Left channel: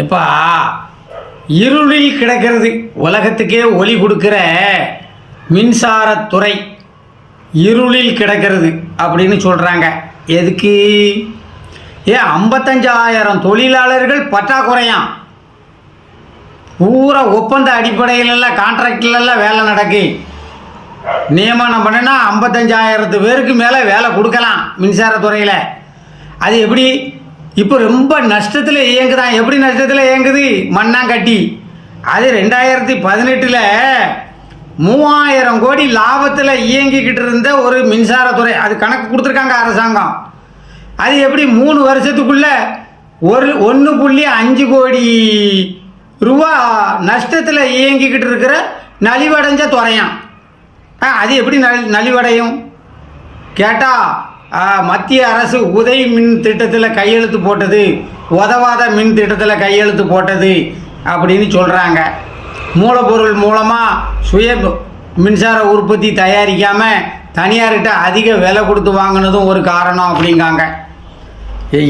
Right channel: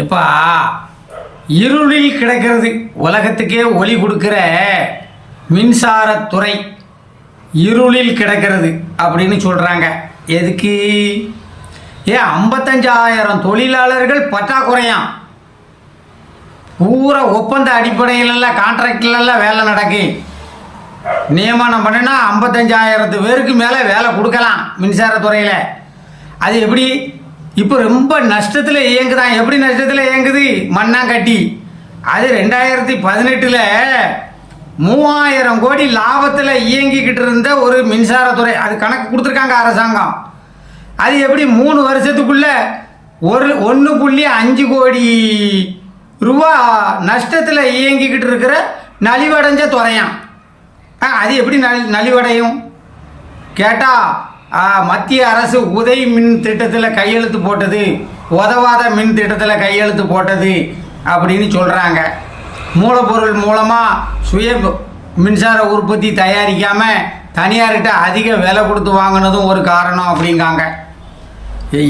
எப்பா இருளில் கிடக்கிறது உலகத்துக்கே ஒளி கொடுக்கிற மின்சாரத்துறை இருளில் கிடக்கிறது அப்படின்னு சொல்கிறாங்க எதுக்கு? ஏன் ஐம்பத்தஞ்சாயிரம் தொழிலாளர்கள் பற்றாக்குறையாம். பூரா ஒப்பந்த அடிப்படையிலெல்லாம் கான்ட்ராக்டிலெல்லாம் வேலை நடக்கு. நியமனம் பண்ணினா ஐம்பத்தஞ்சாயிரத்து பேருக்கு மேலே வேலை கொடுக்கலாம் மின்சாரத்துறையில் அது எப்படி? இப்போ ரொம்ப நஷ்டத்தில் இயங்குதான். எப்படி நஷ்டத்தில் இயங்குது? மண்ணாங்கட்டி. அது ரெண்டாயிரத்தி பதினெட்டில் மூவாயிரம் கோடி லாபத்தில் இயங்கிக்கிட்டு இருந்த ஒரு மின்சாரத்துறை. அது கணக்கு கொடுத்துருக்காங்க அரசாங்கம். அது எப்படி மூணு வருஷத்துக்குள்ள ஒரு ஒன்று புள்ளி அஞ்சு கோடி ரூபா நஷ்டத்தில் இயங்கிக்கிட்டு இருக்கிற நலிவடைஞ்ச துறையான் ஆ அது எப்படி நலி நலிவடையும்? கேட்டால் மத்திய அரசு உதய் மின் திட்டத்தில் கையெழுத்து போட்டது. உதவாத மின் திட்டத்தில் கையெழுத்து போட்டது அப்படின்னு சொல்கிறாங்க மூலப்பொருள் மூலமாக சுய மின்சார உற்பத்தி தயாரிக்காமல் தனியார்கிட்ட அதிக விலை கொடுத்து வாங்கினதும் ஒரு காரணம் அப்படிங்காங்க.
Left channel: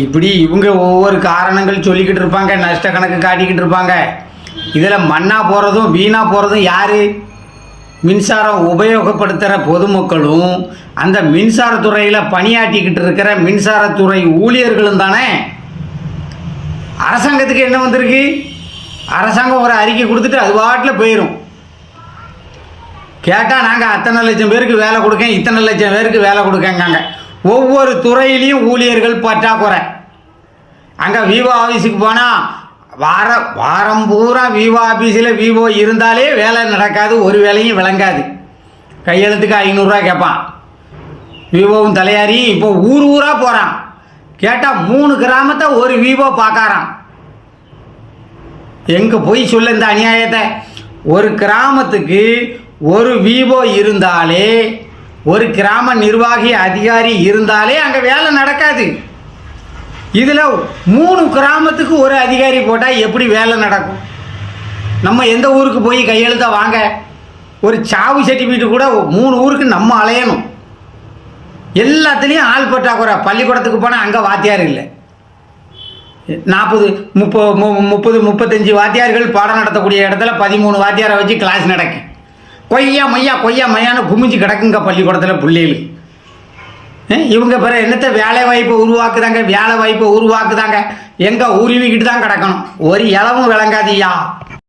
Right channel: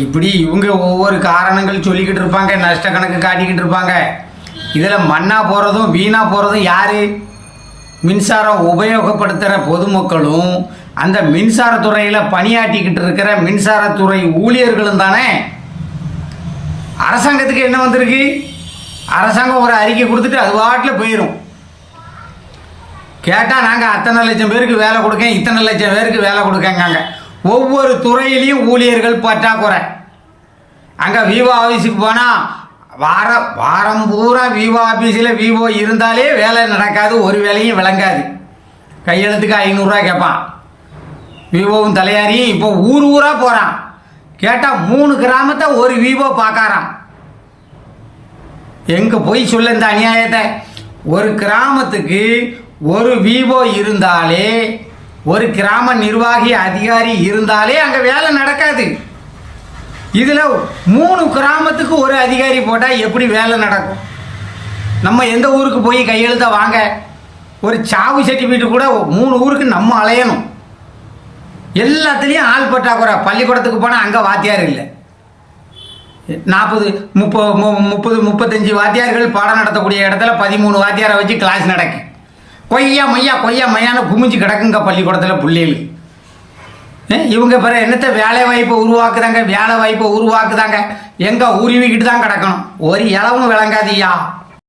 இப்படி இவங்க ஒவ்வொரு காரணங்கள் சொல்லிக்கிட்டு இருப்பாங்க நஷ்ட கணக்கு காட்டிக்கிட்டு இருப்பாங்க. இதில் மண்ணாக போகிறதும் வீணாக போகிறதும் யார்? மின்சாரம் உபயோகப்படுத்துகிற பொதுமக்களும் அந்த மின்சாரத்துறையில் பணியாற்றிக்கிட்டு இருக்கிற மின்சாரத்துறை ஊழியர்களும் தானே? அரசாங்கத்துக்கு என்ன வந்திருக்கு? அரசாங்கம் ஒரு அறிக்கை கொடுத்துட்டு அது பாட்டில் போயிடும் கேட்டால் நாங்கள் அத்தனை லட்சம் பேருக்கு வேலை கொடுக்கேன் இத்தனை லட்சம் பேருக்கு வேலை கொடுக்கங்காங்க. ஒவ்வொரு துறையிலையும் ஊழியர்கள் பற்றாக்குறை. அங்கே விவோ ஆஃபீஸுக்கு போனால் வார வாரம் பூரா விவோ ஆஃபீஸில் விவோ இருந்தாலே வேலை நடக்காது ஒரு வேலையும் விளங்காது. கையெழுத்துக்கு ஐநூறுரூவா கேட்பான். விவோவும் தலையாரி இப்போ ஊர் ஊராக போகிறான் கேட்டால் மூணு கிராமத்தை ஒரு விவோ பார்க்காரான் எங்கே போய் சொல்ல இந்த அநியாயத்தை? ஒரு கிராமத்துக்கு ஒரு விவோ இருந்தாலே ஒரு கிராம நிர்வாகி அதிகாரி இருந்தாலே அங்கே வேலை நடக்காது. இதில் மூணு கிராமத்துக்கு ஒரு அதிகாரி போட்டால் எப்படி வேலை நடக்கும்? நம்ம எந்த ஊருக்கு போய் கையெழுத்த வாங்க? ஒரு சாவு சர்டிஃபிகேட் கூட மூணு ஊருக்கு நம்ம அலையணும். எல்லாத்துலேயும் ஆள் பற்றாக்குறை பள்ளிக்கூடத்துக்கு போனால் அங்கே வாத்தியார் இல்லை. நாற்பது முப்பது முப்பது முப்பத்தஞ்சு வாத்தியார்கள் பாடம் நடத்தக்கூடிய இடத்துல பதிமூணு வாத்தியாரை வச்சு கிளாஸ் நடக்கு. கொய்யா மையா கொய்யா மையான்னு குமிஞ்சு கிடக்குங்க பள்ளிக்கூடத்தில் பிள்ளைகளுக்கு. இவங்க பிற என்னத்த வேலை வாய்ப்பை உருவாக்குதாங்க? வேலை வாய்ப்பை உருவாக்குதாங்க? எங்கே உருவிக்கிட்டு தான் கிடக்கணும். ஒரு இளவும் விளங்காதியா?